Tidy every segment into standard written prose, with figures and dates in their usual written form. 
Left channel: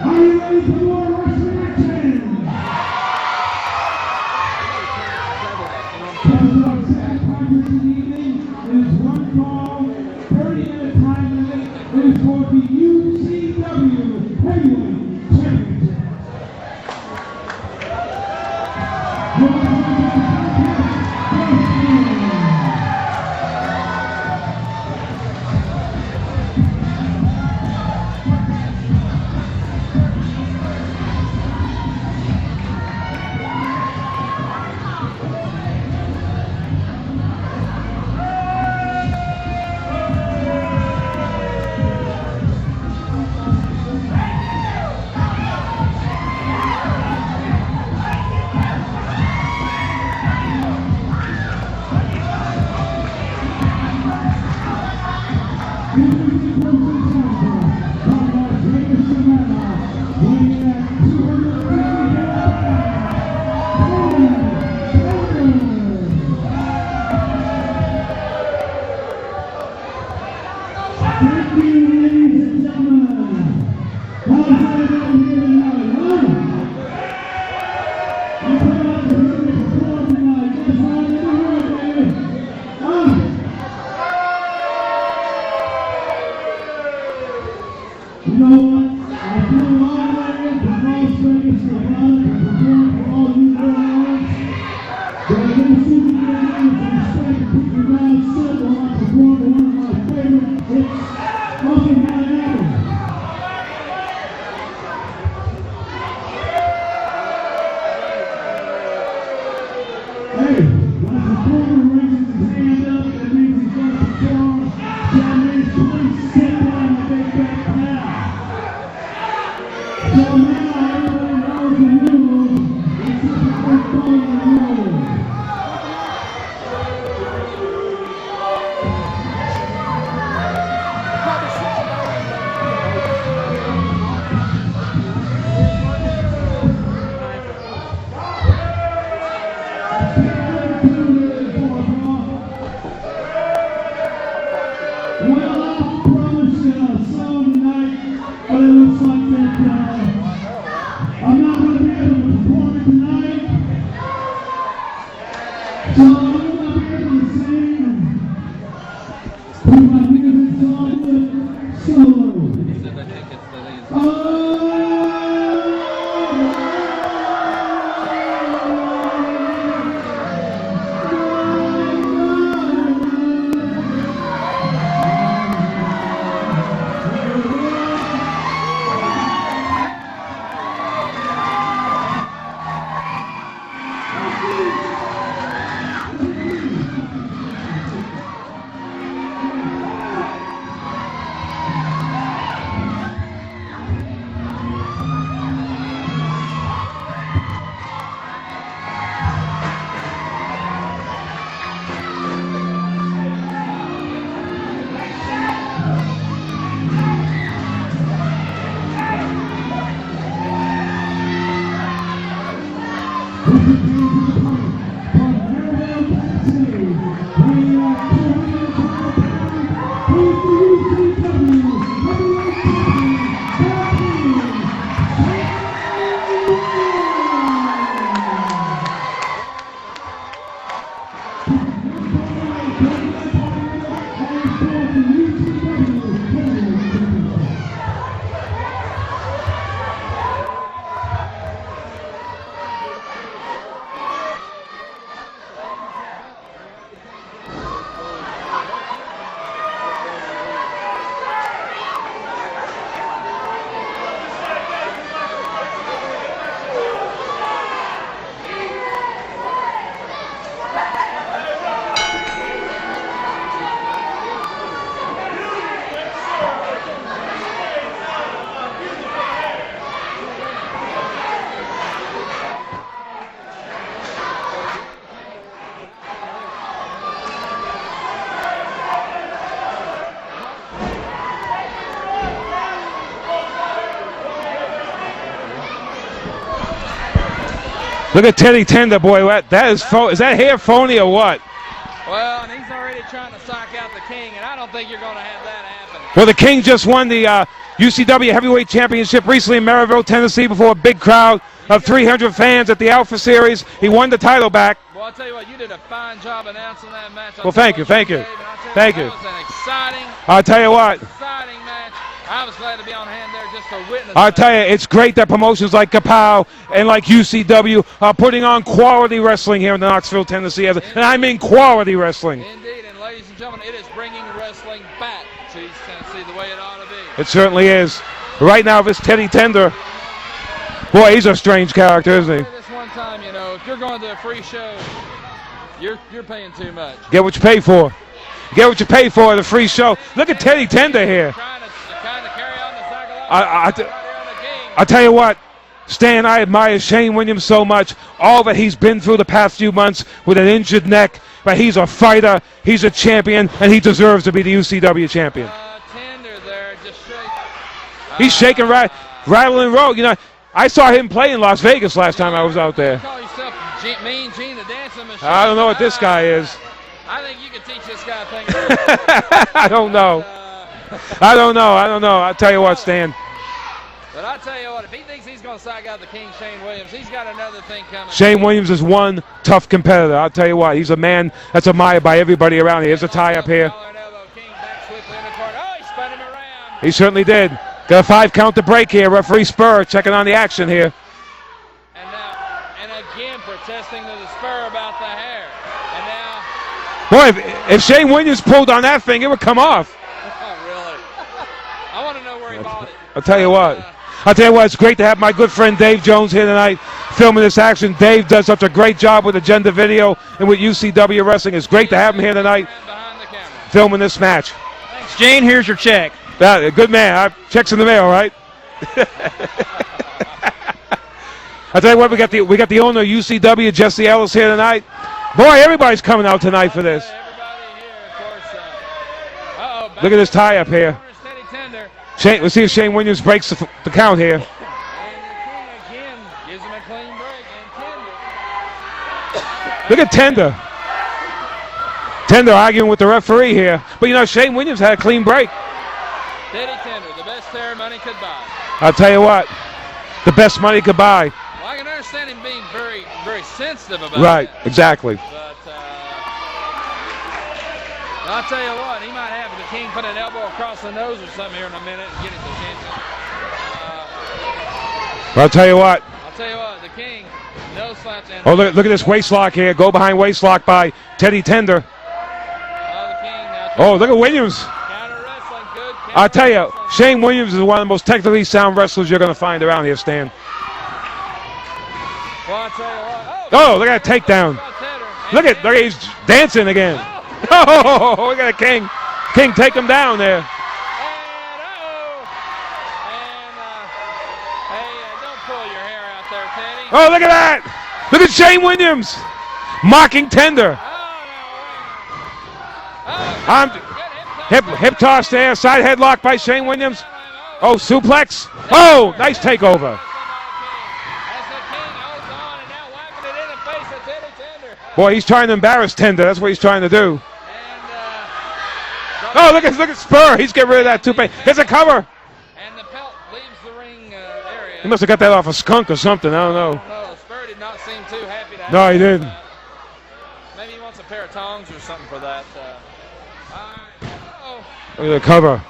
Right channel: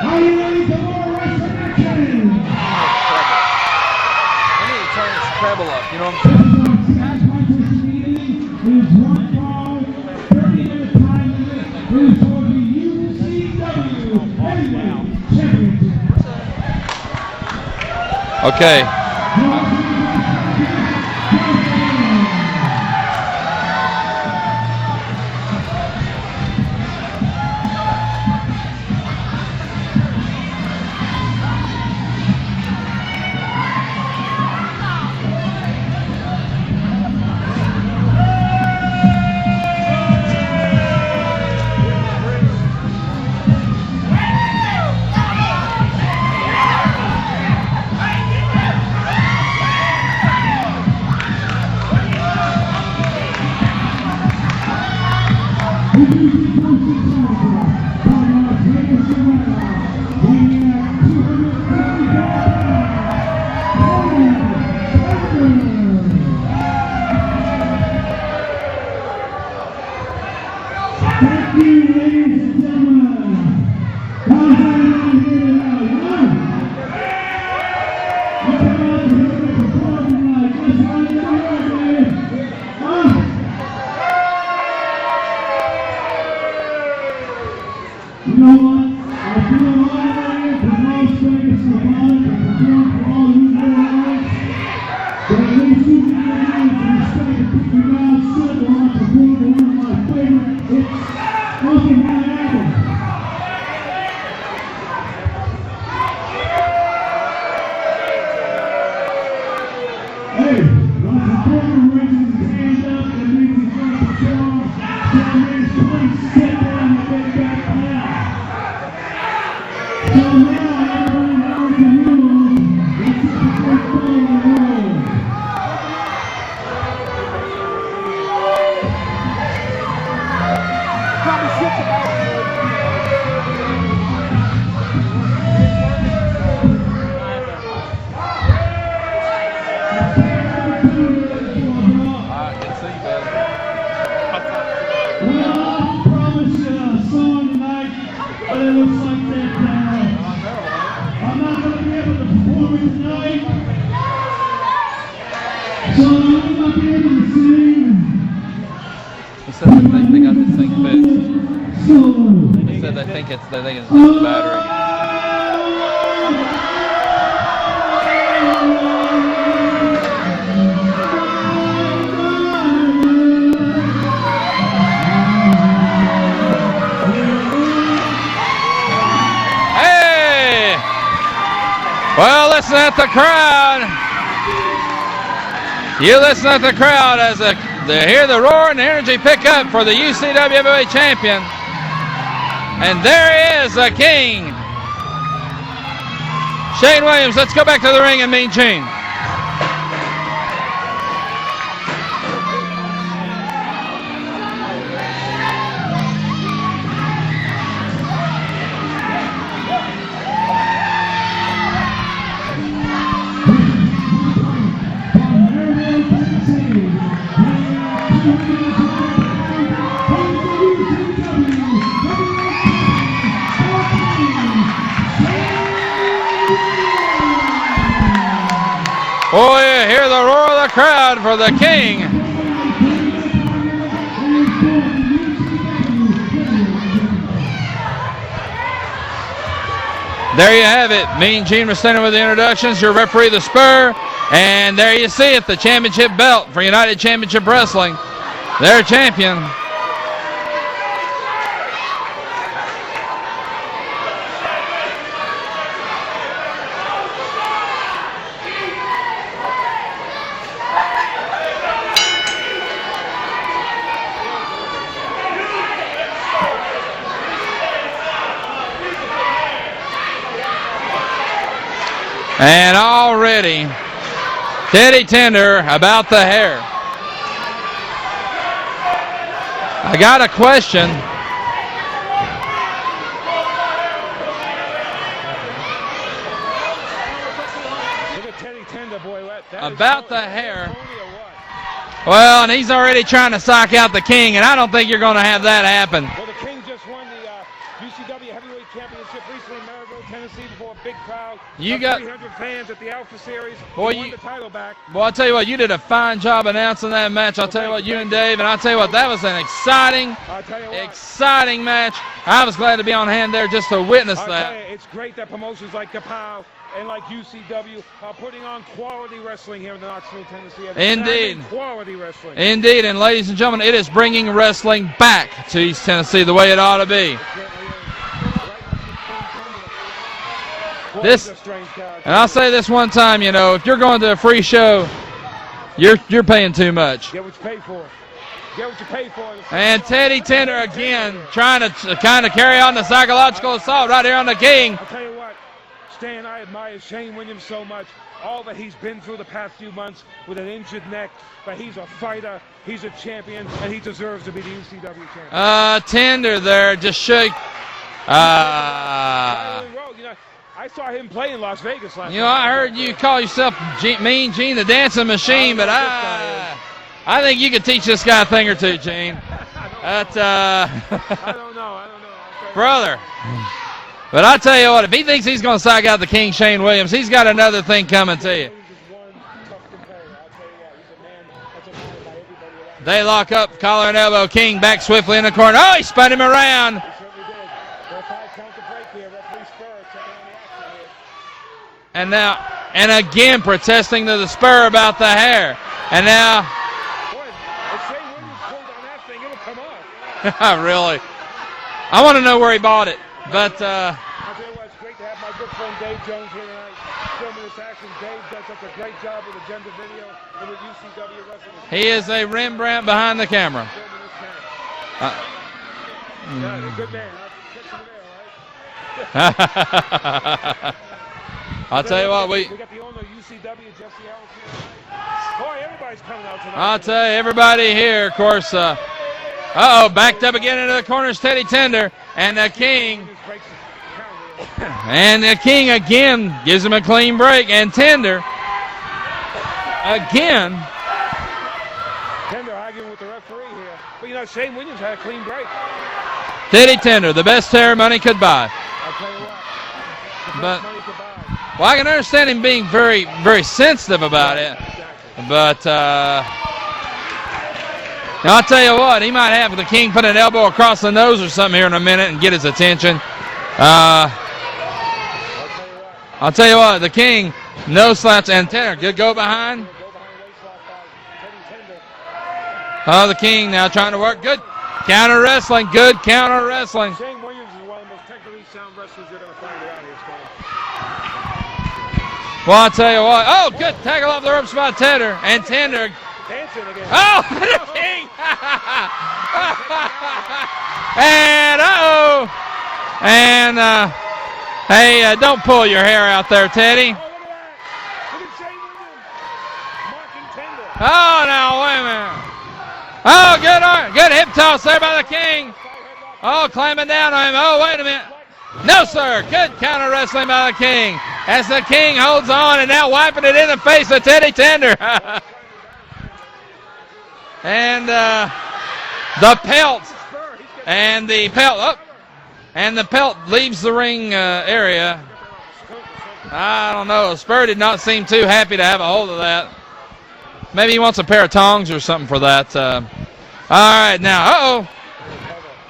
Are you ready for more wrestling action? I need to turn this treble up, you know what I'm This is our tag contest of the evening. It is one fall, 30-minute time limit. It is for the UCW Heavyweight Championship. Okay. They think it's not battery. Hey! Well, listen at the crowd. You listen at the crowd as they hear the roar and the energy pick up for the UCW Heavyweight Champion. And there he is, the King. Shane Williams, let's go back to the ring and meet Gene. Oh, you hear the roar of the crowd for the King. There you have it. Mean Gene was standing with the introductions. Your referee, the Spur. And there you see it, the championship belt for United Championship Wrestling. Their champion. And already, Teddy Tender about the hair. I got a question. Look at Teddy Tender, boy. That is that hair phony or what? Well, and he's already trying to sock out the King, and I don't think you're going to have that happen. Well, the King just won the UCW Heavyweight Championship recently in Maryville, Tennessee, before a big crowd of 300 fans at the Alpha Series. He won the title back. Well, I'll tell you what, you did a fine job announcing that match. Thank you, Dave, and I'll tell you what, that was an exciting match. I was glad to be on hand there just to witness that. I'll tell you, it's great that promotions like KAPOW and like UCW are putting on quality wrestling here in Knoxville, Tennessee. And I mean quality wrestling. Indeed, and ladies and gentlemen, it is bringing wrestling back to East Tennessee the way it ought to be. It certainly is. Right now, this Teddy Tender, boy, he's a strange character. I'll say this one time, you know, if you're going to a free show, you're paying too much. Get what you pay for. Get what you pay for at a free show. Look at Teddy Tender here. Trying to kind of carry on the psychological assault right here on the King. I'll tell you what, Stan, I admire Shane Williams so much. All that he's been through the past few months with an injured neck. But he's a fighter, he's a champion, and he deserves to be the UCW champion. Tender there, just shake. He's shaking, rattling, roll. You know, I saw him play in Las Vegas last time I was out there. You call yourself Mean Gene the Dancing Machine. I don't know what this guy is. I think you could teach this guy a thing or two, Gene. I don't know. I don't know. I'll tell you what, Stan. But I'll tell you what, if he thinks he's going to psych out the King, Shane Williams, he's got another thing coming. Shane Williams is one tough competitor. I'll tell you what, he's a man that's admired by everybody around here. They lock up, collar and elbow. King back swiftly in the corner. Oh, he spun him around. He certainly did. Got a 5 count to break here. Referee Spur checking on the action here. And now, and again protesting to the Spur about the hair. And now. Boy, if Shane Williams pulled on that thing, it would come off. Really? I want to know where he bought it. I'll tell you what. It's great to have my good friend Dave Jones here tonight filming this action. Dave does such a great job with Agenda Video and with UCW Wrestling. It's great to have him here tonight. Behind the camera. Filming this match. Gene, here's your check. Good man. Check's in the mail, right? I'll tell you what, we got the owner of UCW, Jesse Ellis, here tonight. Boy, everybody's coming out tonight for this. I'll tell you, everybody here, of course. Backed up again into the corner's Teddy Tender. We see Shane Williams breaks the count here. And the King again gives him a clean break. And Tender. Look at Tender. Tender arguing with the referee here. But, you know, Shane Williams had a clean break. Teddy Tender, the best hair money could buy. I'll tell you what, the best money could buy. Well, I can understand him being very, very sensitive about it. Right, exactly. But I'll tell you what, he might have the King put an elbow across the nose or something here in a minute and get his attention. I'll tell you what. The King, no slaps. And look at this waist lock here. Go behind waist lock by Teddy Tender. The King now trying to look at Williams. Counter wrestling, good counter wrestling. I'll tell you, Shane Williams is one of the most technically sound wrestlers you're going to find around here, Stan. Well, I'll tell you what. Look at that takedown. Look at he's dancing again. Look at the King. King take him down there. And hey, don't pull your hair out there, Teddy. Oh, look at that. Look at Shane Williams mocking Tender. Oh, now wait a minute. Oh, good hip toss there by the toss King. there, side headlock by Shane Williams. Down on him. Suplex. Nice takeover. Counter wrestling by the King. As the King holds on and now wiping it in the face of Teddy Tender. Boy, he's trying to embarrass Tender. That's what he's trying to do. And look at Spur. He's getting rid of that too. There's a cover. And the pelt leaves the ring area. He must have got that off a skunk or something. I don't know. Spur did not seem too happy to have a hold of that. Maybe he wants a pair of tongs or something for that. All right, now, Look at the cover.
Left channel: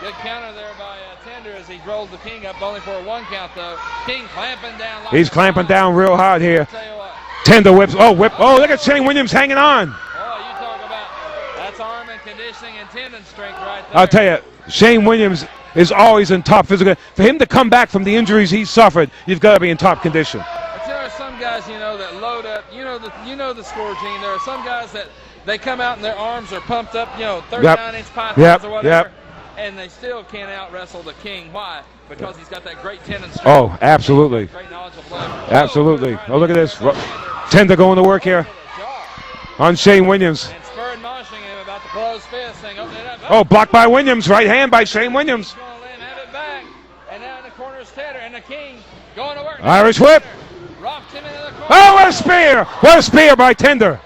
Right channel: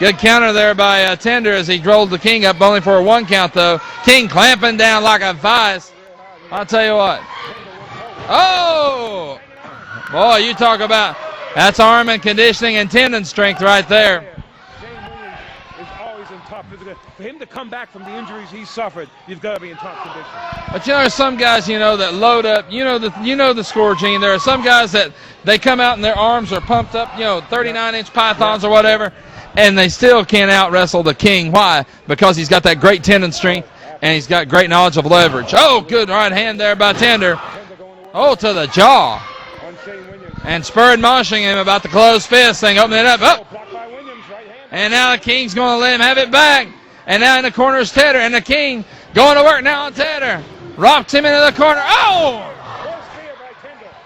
Good counter there by Tender as he rolled the King up only for a 1 count, though. King clamping down like He's clamping down real hard here. I'll tell you what. Tender whips. Look at Shane Williams hanging on. Boy, you talk about that's arm and conditioning and tendon strength right there. I'll tell you, Shane Williams is always in top physical. For him to come back from the injuries he suffered, you've got to be in top condition. But there's some guys, that load up. You know the score, Gene. There are some guys that they come out and their arms are pumped up, 39-inch pythons or whatever, and they still can't out-wrestle the King. Why? Because he's got that great tendon strength. Oh, absolutely. And he's got great knowledge of leverage. Absolutely. Good right hand there by Tender. Tender going to work here. To the jaw. On Shane Williams. And Spur admonishing him about the closed fist thing, opening it up. Blocked by Williams. Right hand by Shane Williams. And now the King's going to let him have it back. And now in the corner is Tedder. And the King going to work now. Irish Tedder rocked him into the corner. What a spear! What a spear by Tender.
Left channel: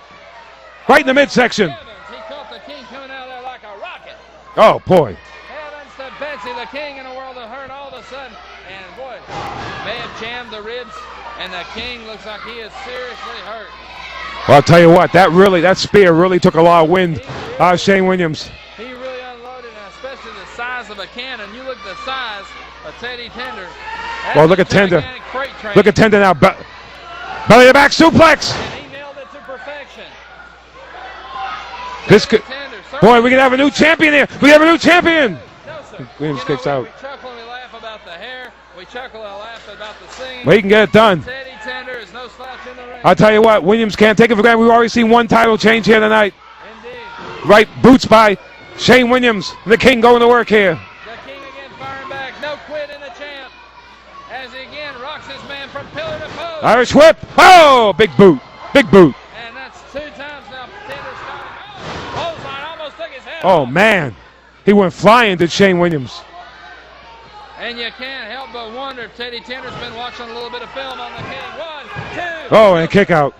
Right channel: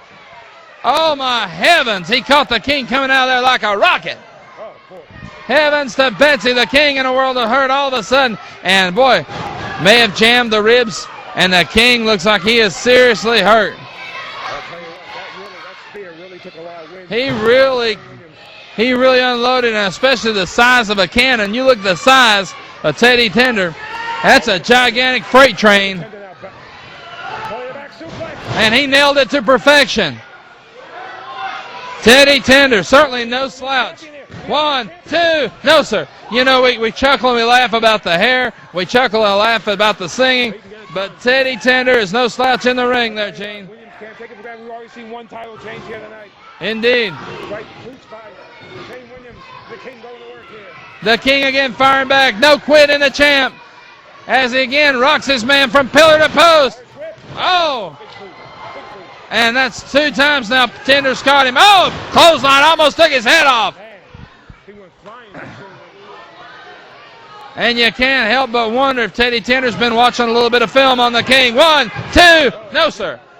Right in the midsection. Heavens, he caught the King coming out of there like a rocket. Oh, boy. Heavens to Betsy, the king in a world of hurt all of a sudden. And, boy, may have jammed the ribs, and the king looks like he is seriously hurt. Well, I'll tell you what, that spear really took a lot of wind out of Shane Williams. He really unloaded, and especially the size of a cannon. You look at the size of Teddy Tender. That's a gigantic freight train. Look at Tender now. Belly to back suplex. And he nailed it to perfection. Teddy Tender. Boy, we can have a new champion here. We have a new champion. No, sir. You know, we chuckle and we laugh about the hair. We chuckle and laugh about the singing. We can get it done. Teddy Tender is no slouch in the ring. I'll tell you what, Williams can't take it for granted. We've already seen one title change here tonight. Indeed. Right, boots by Shane Williams. The king going to work here. The king again firing back. No quit in the champ. As he again rocks his man from pillar to post. Irish whip. Oh, big boot. Big boot. And that's 2 times now Tender's caught him. Oh, clothesline almost took his head off. Oh, man. He went flying to Shane Williams. And you can't help but wonder if Teddy Tender's been watching a little bit of film on the king. 1, 2. Oh, and kick out.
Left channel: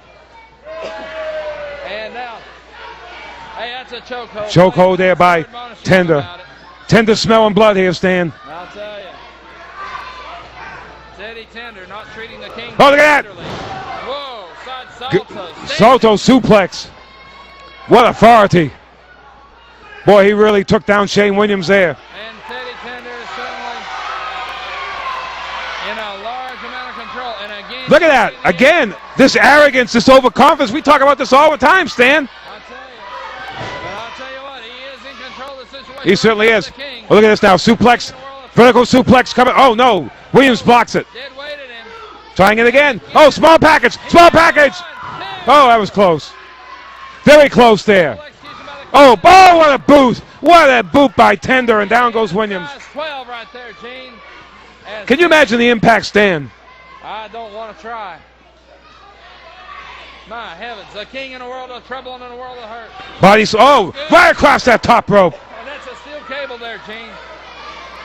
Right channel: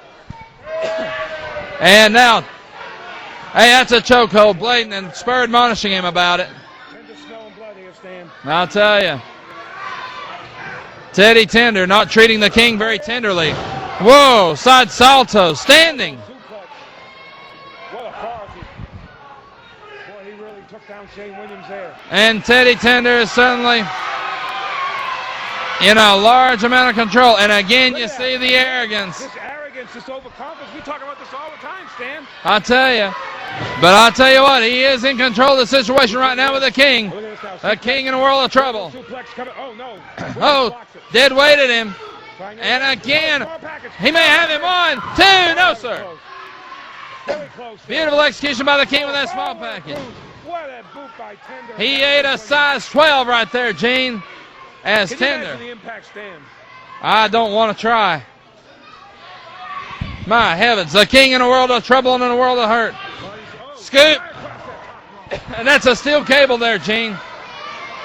And now, hey, that's a chokehold. Chokehold there by admonishing Tender. him about it. Tender smelling blood here, Stan. I'll tell you. Teddy Tender not treating the king very tenderly. Whoa, side salto, standing. Salto suplex. What authority. Boy, he really took down Shane Williams there. And Teddy Tender is suddenly in a large amount of control. And again, look you at see that. the Again, arrogance. this arrogance, this overconfidence. We talk about this all the time, Stan. I'll tell you. But I'll tell you what, he is in control of the situation right now with the king. Well, look at this now. Suplex. King in a world of trouble. Vertical suplex coming. Oh, no. Williams blocks it. Dead weighted him. Trying it again. Oh, small package. Small package. 1, 2. Oh, that was close. Very close there. Beautiful execution by the king. Oh, what a boot. What a boot by Tender, and down goes Williams. Size 12 right there, Gene. Can you imagine the impact, Stan? I don't want to try. My heavens, the king in a world of trouble and in a world of hurt. Right across that top rope. That's a steel cable there, Gene.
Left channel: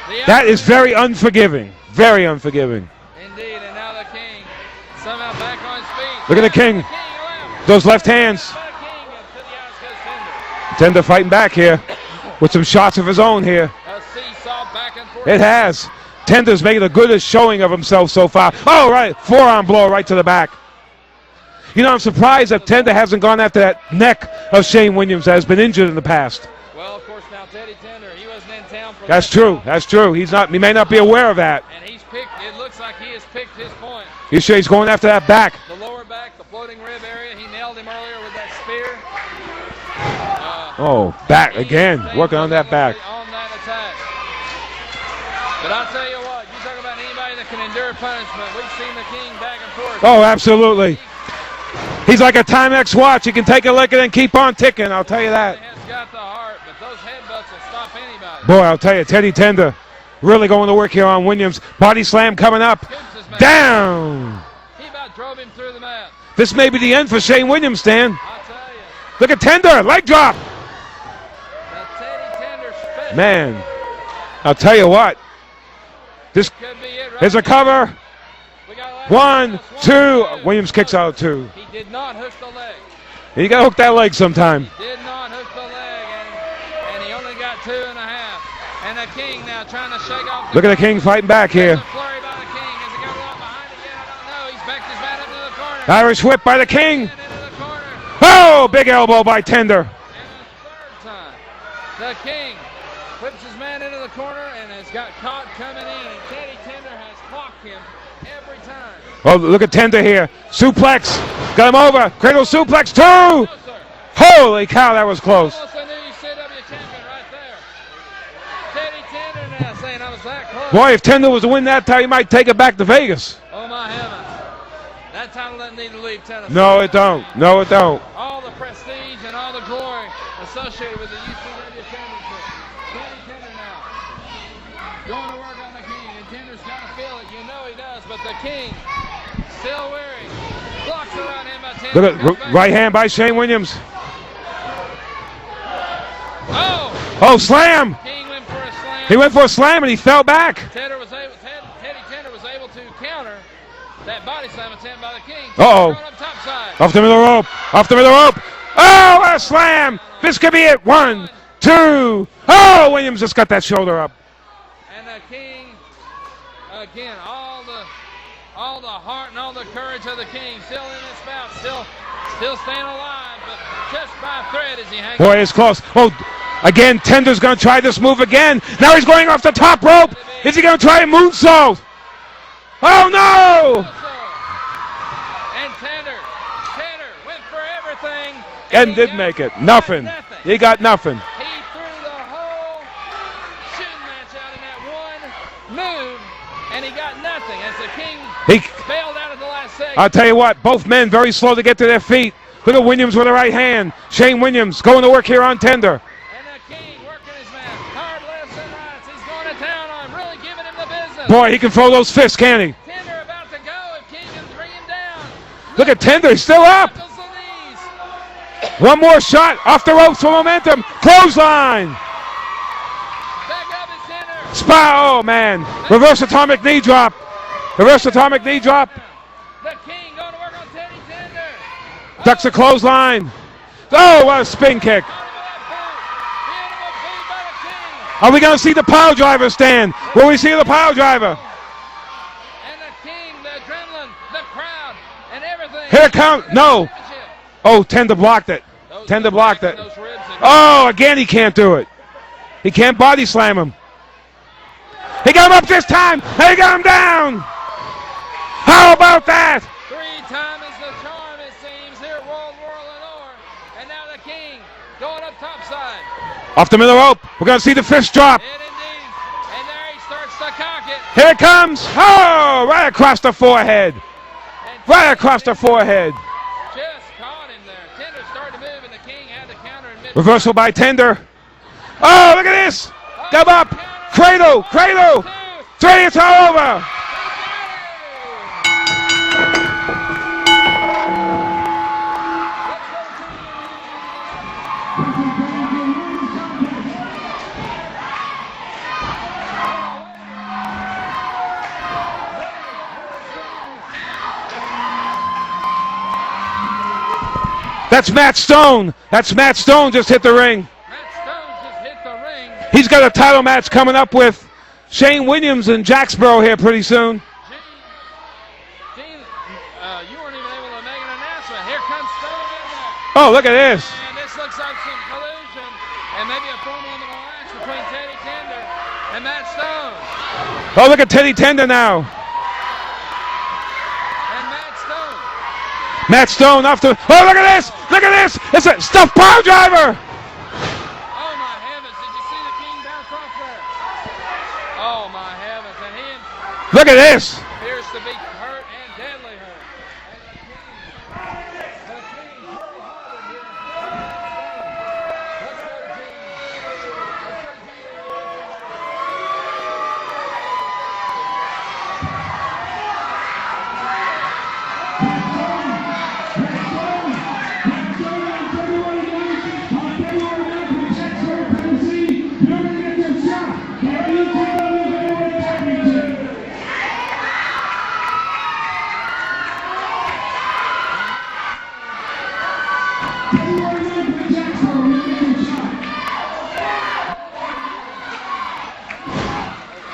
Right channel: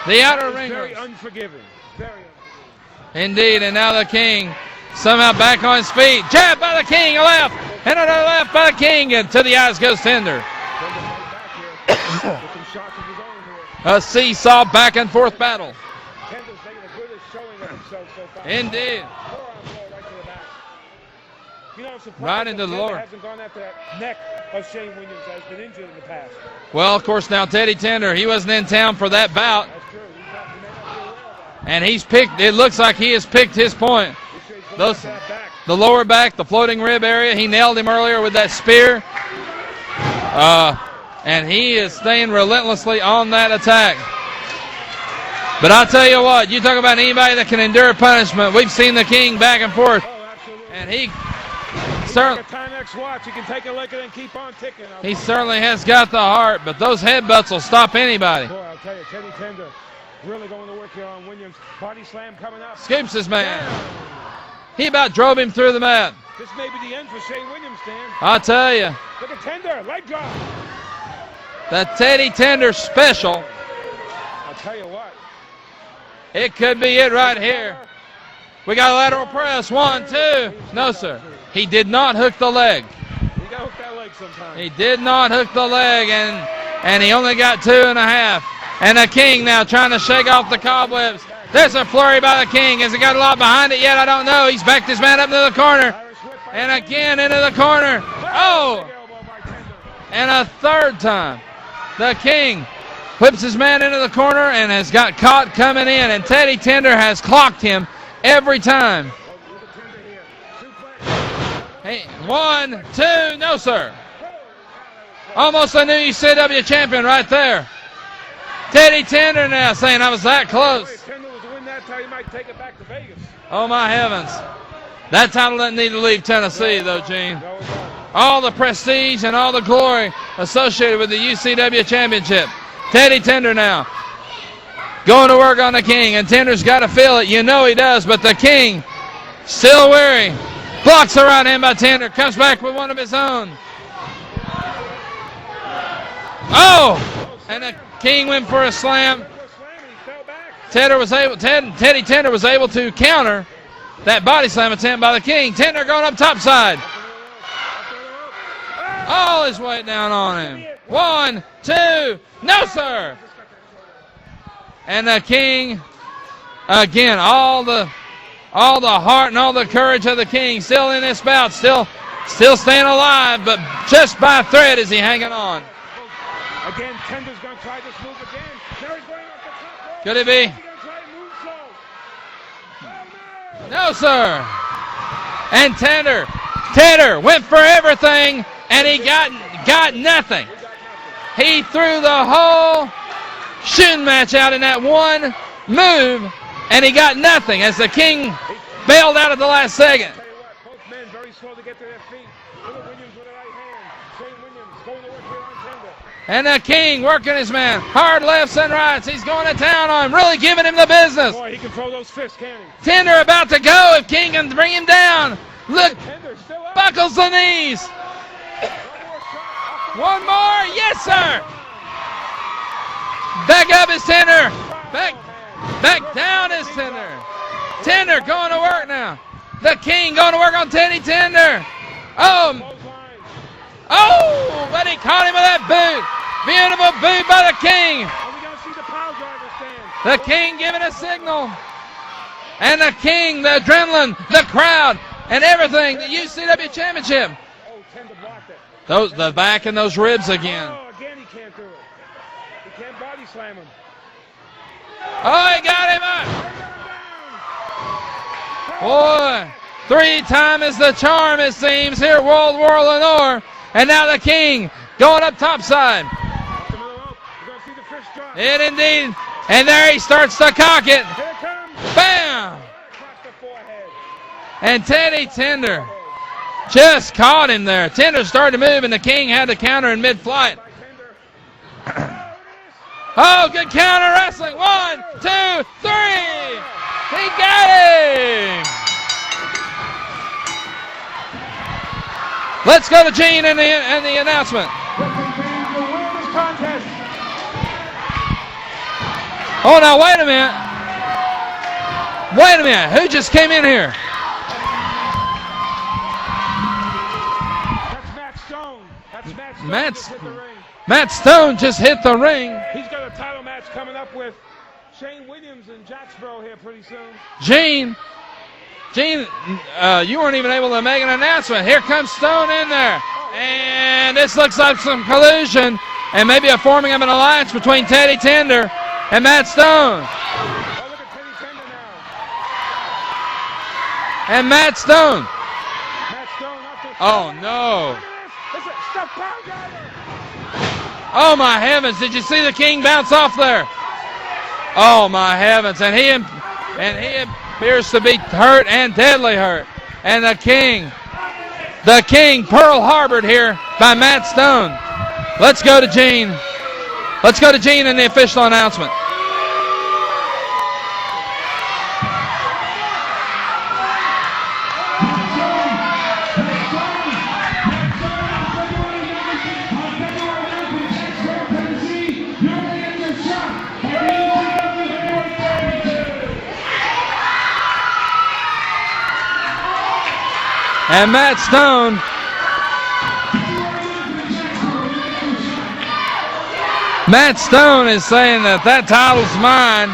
That is very unforgiving. Very unforgiving. Indeed, and now the king somehow back on his feet. Look at the king, left. Those left hands. Left by the king, and to the eyes goes Tender. Tender fighting back here with some shots of his own here. A seesaw back and forth. It has. Tender's making the goodest showing of himself so far. Indeed. Oh, right. Forearm blow right to the back. You know, I'm surprised that Tender hasn't gone after that neck of Shane Williams that has been injured in the past. Well, of course, now Teddy Tender, he wasn't in town for That's that true. bout. That's true. He may not be aware of that. And he's picked, it looks like he has picked his point. You sure he's going after that back? The lower back, the floating rib area. He nailed him earlier with that spear. Back and he again. is staying relentlessly on that attack. But I'll tell you what, you talk about anybody that can endure punishment. We've seen the king back and forth. Oh, absolutely. He's like a Timex watch. He can take a lick and then keep on ticking, I'll tell you that. He certainly has got the heart, but those headbutts will stop anybody. Boy, I'll tell you, Teddy Tender really going to work here on Williams. Body slam coming up. Scoops his man. Down. He about drove him through the mat. This may be the end for Shane Williams, Stan. I'll tell you. Look at Tender, leg drop. The Teddy Tender special. Man, I'll tell you what. It could be it right There's a here. cover. We got a lateral press. 1, 2. Williams kicks out 2. He did not hook the leg. You got to hook that leg sometime. He did not hook the leg, and he only got 2.5. And the king now trying to shake off the Look at the king fighting back here. There's a flurry by the king. Has he got a lot behind it yet? I don't know. He's backed his man up into the corner. Irish whip by the king. Again into the corner. Oh, big elbow by Tender. And a third time. The king whips his man into the corner and has got caught coming in. And Teddy Tender has clocked him every time. Oh, look at Tender here. Suplex. Got him over. Cradle suplex 2. No, sir. Holy cow, that was close. Almost a new ECW champion right there. Teddy Tender now saying I was that close. Boy, if Tender was to win that title, he might take it back to Vegas. Oh, my heavens. That title doesn't need to leave Tennessee. No, it though, don't. Gene. No, it don't. All the prestige and all the glory associated with the UCW championship. Teddy Tender now going to work on the king, and Tender's got to feel it. You know he does, but the king still weary. Blocks the right hand by Tender. Comes back right hand by Shane Williams. Oh, slam. King went for a slam. He went for a slam and he fell back. Teddy Tender was able to counter that body slam attempt by the king. Tender going up topside. Off the middle rope. Off the middle rope. Oh, a his slam. head down on This him. could be it. One, two. No, Oh, sir. Williams just got that shoulder up. And the King, again, all the heart and all the courage of the King still in this bout, still staying alive, but just by a thread is he hanging on. Boy, it's close. Oh, again, Tender's going to try this move again. Now he's going off the top rope. Could it be? Is he going to try a moonsault? Oh, no! No, sir. And Tender went for everything, and he didn't make it. Nothing. He got nothing. He threw the whole shooting match out in that one move, and he got nothing as the King bailed out at the last second. I'll tell you what, both men very slow to get to their feet. Look at Williams with the right hand. Shane Williams going to work here on Tender. And the King working his man. Hard lefts and rights. He's going to town on him, really giving him the business. Boy, he can throw those fists, can't he? Tender about to go if King can bring him down. Look at Tender, he's still up. Knuckles the knees. One more shot off the ropes for momentum. Yes, sir. Clothesline. Back up is Tender. Oh, man. Reverse atomic knee drop. Reverse atomic knee drop. Now. The King going to work on Teddy Tender. Ducks a clothesline. Oh, what a spin but kick. He caught him with that boot. Beautiful boot by the King. Are we going to see the power driver stand? Will we see the power driver? And the King, the adrenaline, the crowd, and everything. Here the comes, UCW no. Championship. Oh, Tender blocked it. Tender blocked it. And those ribs again. Oh, again he can't do it. He can't body slam him. He got him up this time. He got him down. How about that? 3 times is the charm, it seems, here at War Lenoir. And now the King going up topside. Off the middle rope. We're going to see the fist drop. And indeed. And there he starts to cock it. Here it comes. Oh, right across the forehead. And right across Tender the forehead. Just caught him there. Tender started to move, and the King had to counter in mid-fight. Reversal by Tender. Oh, look at this. Oh, Step up. Counter. Cradle. 1, Cradle. 2, 3. It's all over. He got him. Let's go to Gene and the announcement. Oh, now wait a minute. Wait a minute. Who just came in here? That's Matt Stone. That's Matt Stone just hit the ring. Matt Stone just hit the ring. He's got a title match coming up with Shane Williams in Jacksboro here pretty soon. Gene, you weren't even able to make an announcement. Here comes Stone in there. Oh, look at this. And this looks like some collusion and maybe a forming of an alliance between Teddy Tender and Matt Stone. Oh, look at Teddy Tender now. And Matt Stone. Matt Stone off the. Oh, look at this. Look at this. It's a stuffed power driver. Oh, my heavens. Did you see the King bounce off there? Oh, my heavens. And he look at this. Appears to be hurt and deadly hurt. And the King Pearl Harbored here by Matt Stone. Let's go to Gene. Let's go to Gene in the official announcement. And Matt Stone is saying that title's mine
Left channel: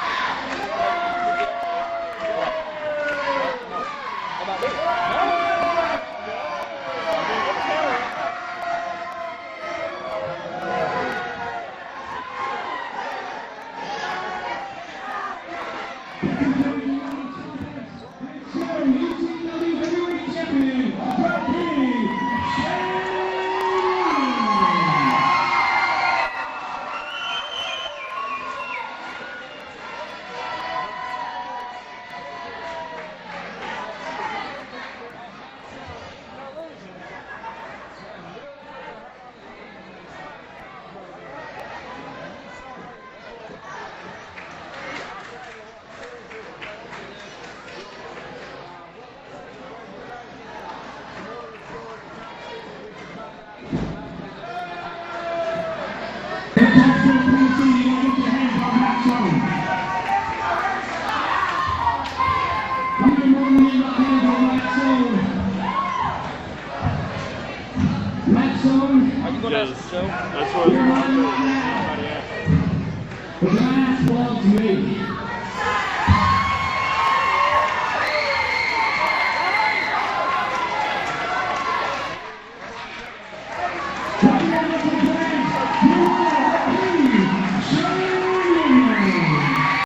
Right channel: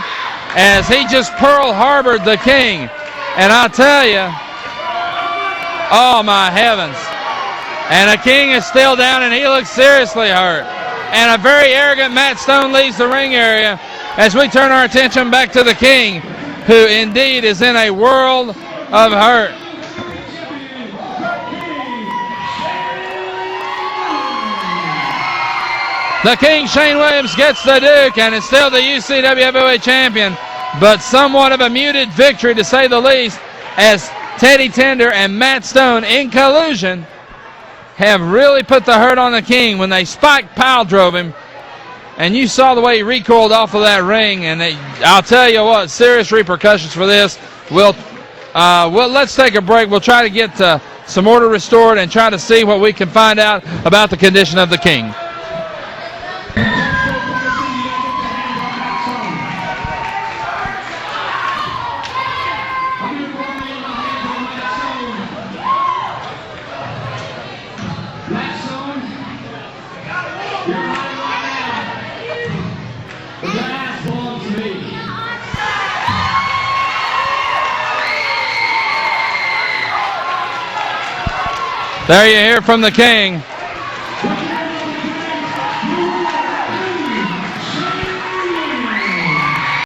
as he just Pearl Harbored the King. And I tell you, oh my heavens. And the King is still down and he looks seriously hurt. And a very arrogant Matt Stone leaves the ring area as we turn our attention back to the King, who indeed is in a world of hurt. The King, Shane Williams, gets the Duke and is still the UCW Heavyweight Champion, but somewhat of a muted victory to say the least, as Teddy Tender and Matt Stone in collusion have really put the hurt on the King when they spiked pile drove him. And you saw the way he recoiled off of that ring, and I'll tell you what, serious repercussions for this. Let's take a break. We'll try to get some order restored and try to see what we can find out about the condition of the King. Matt Stone There you hear from the King.